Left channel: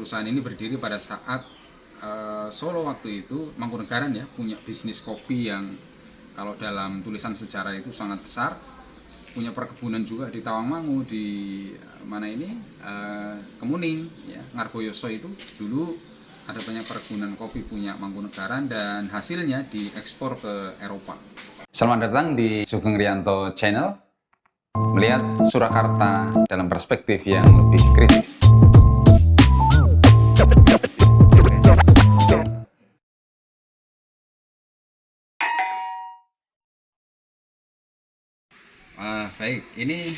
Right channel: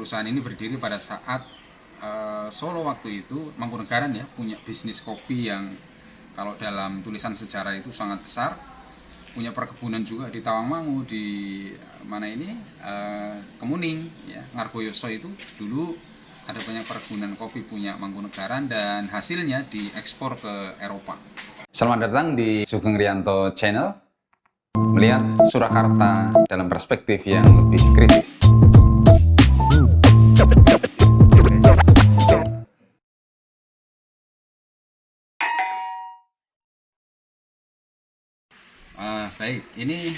perusahaan ini berdiri pada saat Solo waktu itu, Mangkunegaran ya, punya bisnis kopi yang kalau dalam tulisan sejarah itu sangat besar. Punya perkebunan juga di Tawangmangu, di mana ini, Kemuning ya, Ngargoyoso itu dulu ada banyak perkebunan kopi punya Mangkunegaran dan hasilnya diekspor ke Eropa. Selamat datang di Sugeng Rianto Channel, melihat Surakarta dalam perspektif yang lebih kritis. Baik, ini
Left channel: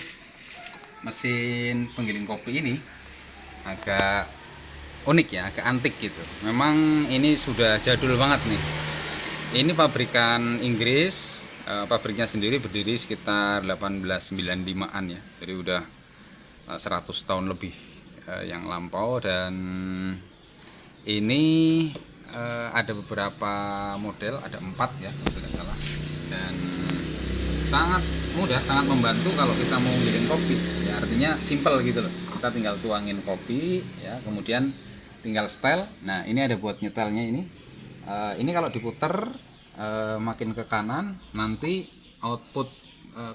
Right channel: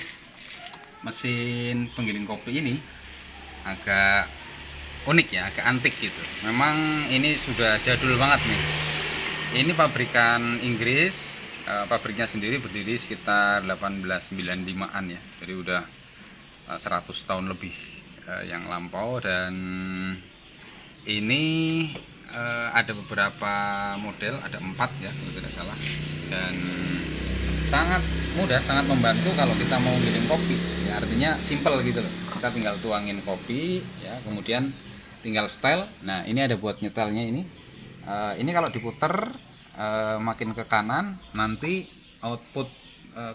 mesin penggiling kopi ini agak unik ya, agak antik gitu. Memang ini sudah jadul banget nih. Ini pabrikan Inggris, pabriknya sendiri berdiri sekitar 1895-an ya. Jadi udah 100 tahun lebih yang lampau, dan ini ada beberapa model, ada 4 ya kalau tidak salah, dan sangat mudah, sangat membantu kalau kita mau giling kopi ya, artinya simple gitu loh. Kita tinggal tuangin kopi ya, kemudian tinggal setel. Nah, ini ada buat nyetelnya ini. Ini kalau diputer makin ke kanan, nanti output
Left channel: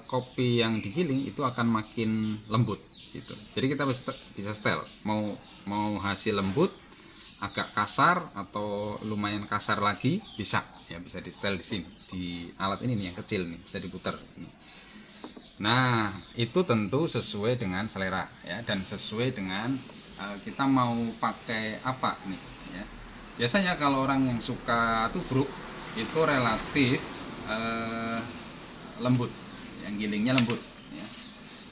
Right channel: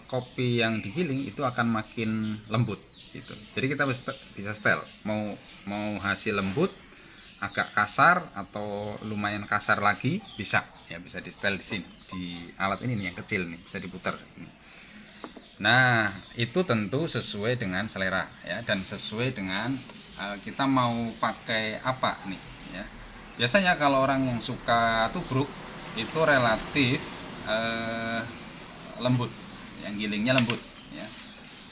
kopi yang digiling itu akan makin lembut gitu. Jadi kita bisa setel mau hasil lembut, agak kasar atau lumayan kasar lagi, bisa ya, bisa di setel di sini, di alat ini nih yang kecil nih, bisa diputar ini. Nah, itu tentu sesuai dengan selera ya, dan sesuai dengan kita mau pakai apa nih ya. Biasanya kalau orang yang suka tubruk itu relatif lembut, yang gilingnya lembut ya.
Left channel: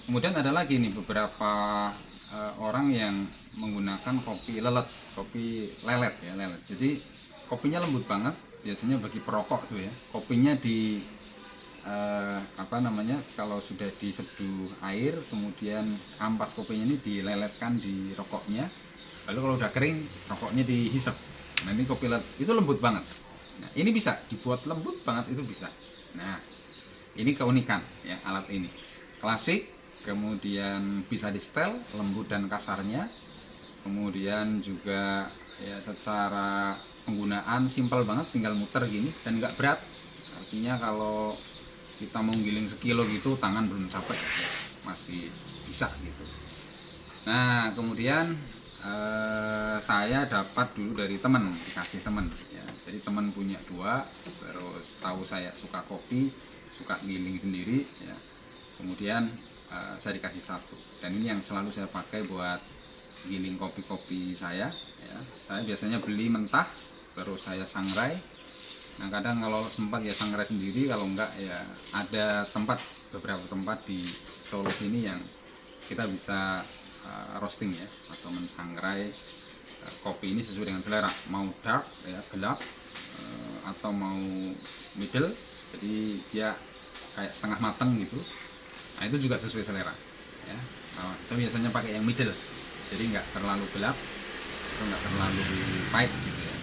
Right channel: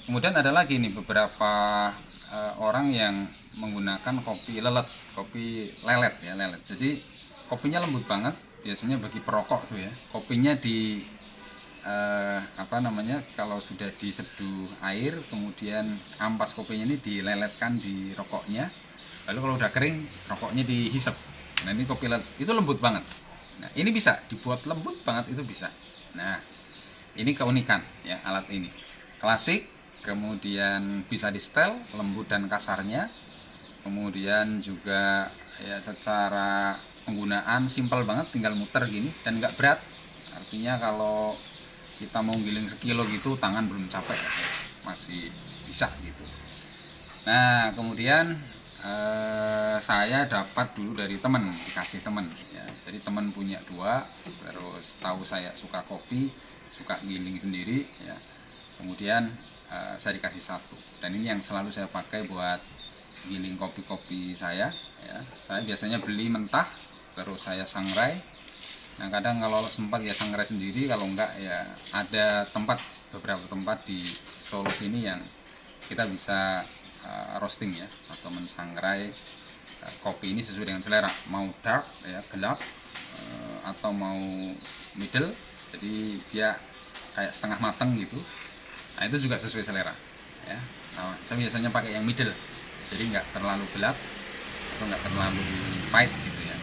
Kemudian ada lagi nih beberapa orang yang menggunakan kopi lelet ya, lelet. Jadi kopinya lembut banget, biasanya bagi perokok tuh ya. Kopinya di kalau sudah diseduh air, kemudian ampas kopinya ini dileletkan di rokoknya. Lalu kalau udah kering, rokoknya dihisap. Nah, ini kopi lelet itu lembut banget. Nah, ini bisa dibuat lembut banget, itu bisa. Nah, ini keunikan ya alat ini. Klasik, kemudian bisa di setel lembut dan kasarnya. Kemudian juga ya secara penggunaan simpel banget, tinggal muter gini dan nggak berat. Artinya kalau kita mau giling sekilo gitu, tangan belum capek, masih bisa gitu. Nah, kemudian saya dapat dulu dari teman, dikasih teman ya. Jadi teman punya 2, terus tahu saya suka kopi, suka giling sendiri ya. Kemudian saya dikasih 1, dan ini yang selalu saya pakai buat giling kopi-kopi saya ya. Saya biasanya beli mentah, terus saya sangrai. Nah, kadang kalau sempat ya sangrai sendiri, kalau enggak ya ada beberapa tempat di Solo sini yang kita bisa roasting ya, atau mensangrai kopi ini sesuai dengan selera, mau dark ya, gelap, atau mau middle, jadi dia kayak setengah matang gitu. Nah, itu juga sesuai selera ya. Nah, saya biasanya pakai yang middle, jadi nggak terlalu gelap atau nggak terlalu pahit gitu ya.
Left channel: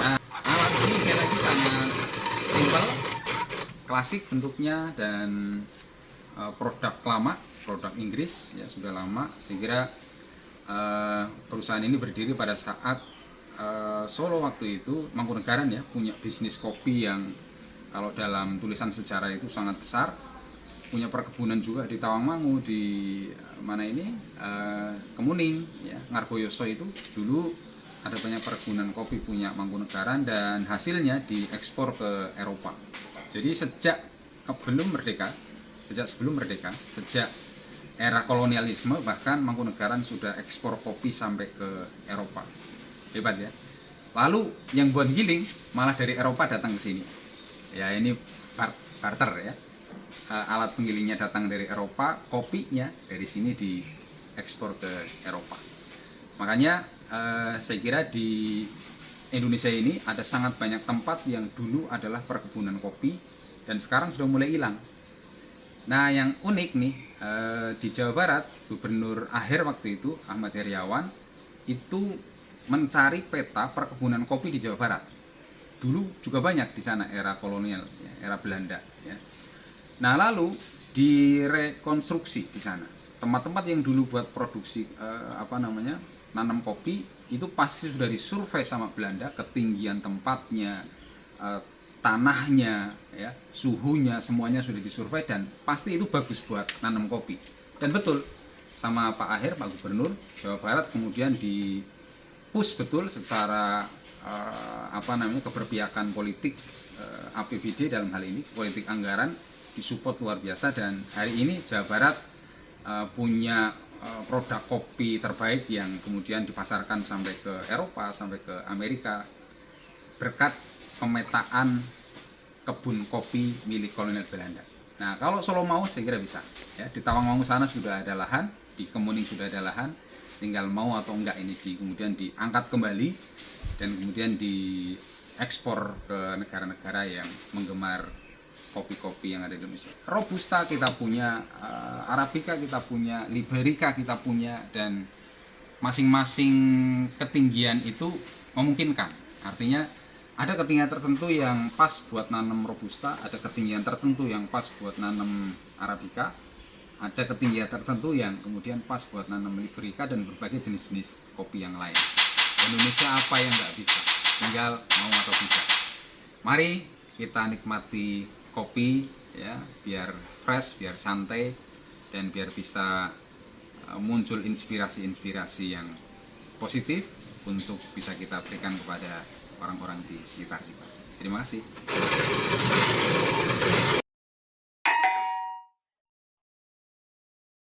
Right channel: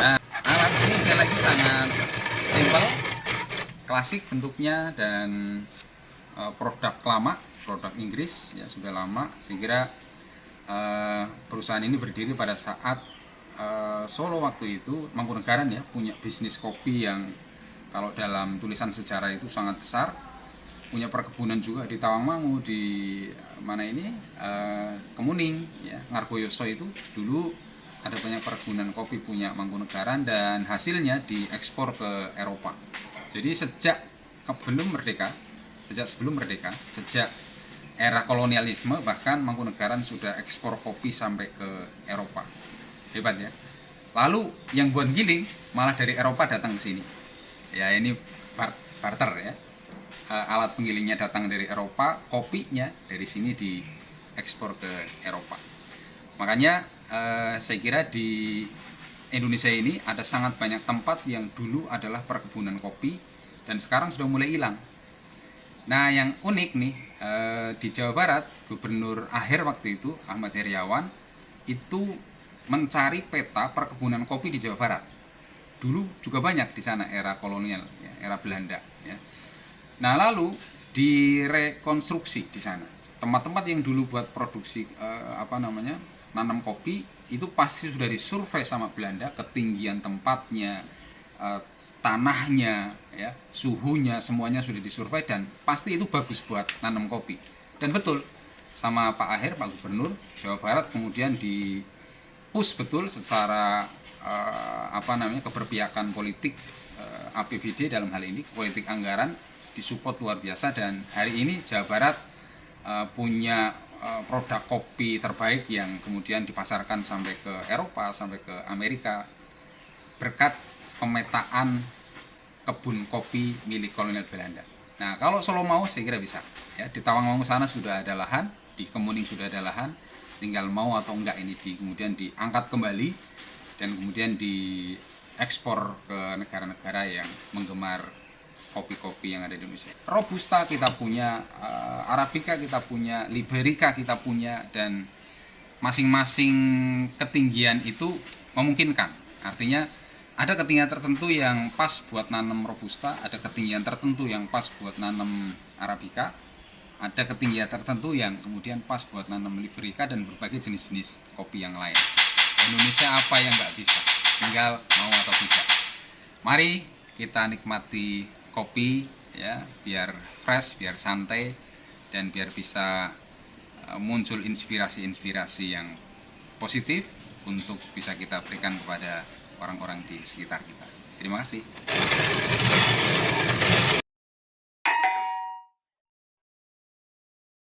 Nah, alat ini sekali lagi sangat simple, klasik bentuknya, dan produk lama, produk Inggris ya, sudah lama. Saya kira perusahaan ini berdiri pada saat Solo waktu itu, Mangkunegaran ya, punya bisnis kopi yang kalau dalam tulisan sejarah itu sangat besar. Punya perkebunan juga di Tawangmangu, di mana ini, Kemuning ya, Ngargoyoso itu dulu ada banyak perkebunan kopi punya Mangkunegaran dan hasilnya diekspor ke Eropa. Jadi sejak sebelum merdeka, sejak era kolonialisme, bahkan Mangkunegaran sudah ekspor kopi sampai ke Eropa. Hebat ya. Lalu yang buat giling malah dari Eropa datang ke sini. Ya, ini barter ya. Alat penggilingnya datang dari Eropa, kopinya dari sini diekspor ke Eropa. Makanya saya kira di Indonesia ini ada sangat banyak tempat yang dulu adalah perkebunan kopi dan sekarang sudah mulai hilang. Nah, yang unik nih, di Jawa Barat, Gubernur akhir waktu itu, Ahmad Heriawan, itu mencari peta perkebunan kopi di Jawa Barat. Dulu juga banyak di sana, era kolonial ya, era Belanda ya. Nah, lalu direkonstruksi di sana tempat-tempat yang dulu buat produksi nanam kopi itu pasti sudah disurvei sama Belanda, ketinggian tempatnya, tanahnya, ya, suhunya, semuanya sudah disurvei dan pasti itu bagus buat nanam kopi. Dan betul sama Pak Aher, Pak Gubernur Jawa Barat, kemudian di push betul secara keberpihakan politik, APBD dalam hal ini politik anggaran disupport luar biasa, dan hari ini Jawa Barat punya produk kopi terbaik yang kemudian dipasarkan sampai ke Eropa, sampai ke Amerika berkat pemetaan kebun kopi milik kolonial Belanda. Nah, kalau Solo mau saya kira bisa. Ya, di Tawangmangu sana sudah ada lahan, di Kemuning sudah ada lahan, tinggal mau atau enggak ini kemudian diangkat kembali dan kemudian diekspor ke negara-negara yang menggemar kopi-kopi yang ada di Indonesia. Robusta kita punya, Arabica kita punya, Liberica kita punya, dan masing-masing ketinggian itu memungkinkan. Artinya ada ketinggian tertentu yang pas buat nanam Robusta, ada ketinggian tertentu yang pas buat nanam Arabica, ada ketinggian tertentu yang kemudian pas buat nanam Liberica dan berbagai jenis-jenis kopi yang lain. Indonesia apa yang nggak bisa, tinggal mau atau tidak. Mari kita nikmati kopi, ya, biar fresh, biar santai, dan biar bisa muncul inspirasi-inspirasi yang positif untuk bisa kita berikan kepada orang-orang di sekitar kita. Terima kasih.